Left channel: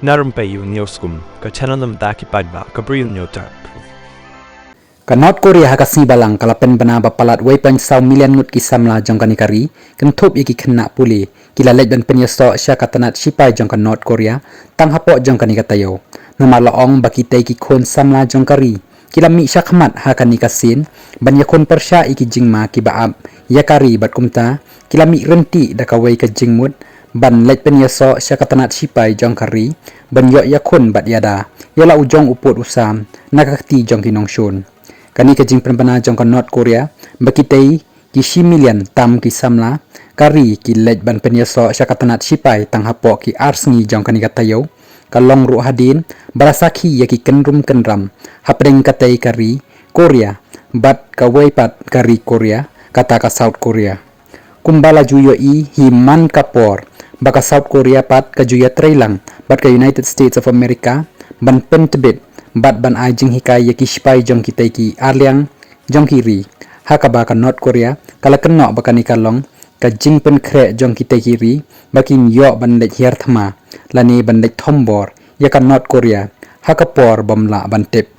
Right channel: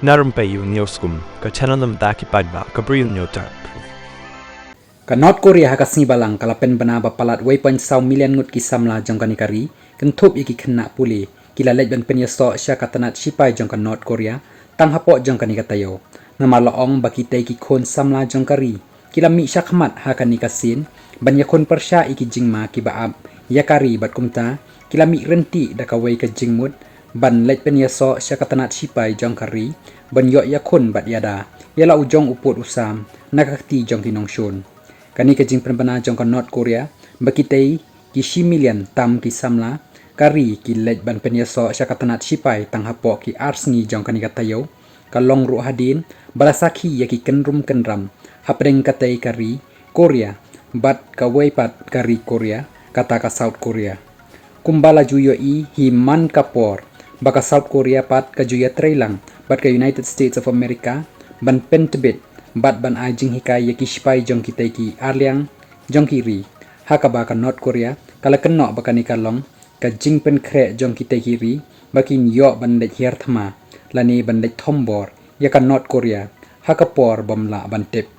Narum payu nioskum, ka chananam daki padba, ka bril nyotar. Ka North Korea hakasi balang kalapen bana bapalat 1.1 million ngut kisamla jong kanikari kentup iki kena puli kila lej ban penyeso sya katanat sipai jong ka North Korea tang hapok jong kanikatayo nama laong baki tei ki khon samla jong kari kila mi sya khmat ha kanikasin ban yakon persya iki jingma ki baab yakari bat kumta kila mi renti dakawai ka jingmut ban lej penyeso sya katanat sipai jong kari ban yok yakon bat yada yala ujong uput usam nakakti jong kinongshun kani kajing penbana jong ka North Korea bakitei ki million tam ki samla kari ki lej ban penyeso syakatanat sipai tang hapok ki arsngi jong kani katayo kalong ru hadin barasaki yaki kenrum kenram hapdeng katai kari Korea bat kawai pat kari Korea kata ka South Korea kumbala juyo i himan kapor baka South Korea pat ka juya trailang bat ka United States of America ban pentebit bat ban ajing hikai yaki sipai jong kitai ki arliang jong kiri hakaba ka North Korea kala kenok bakani kalong ka jing pen kre jong kitai kiri bakin yo ban lej hier thama lani ban lej thombor ya ka North Korea hakapor bamla ban tip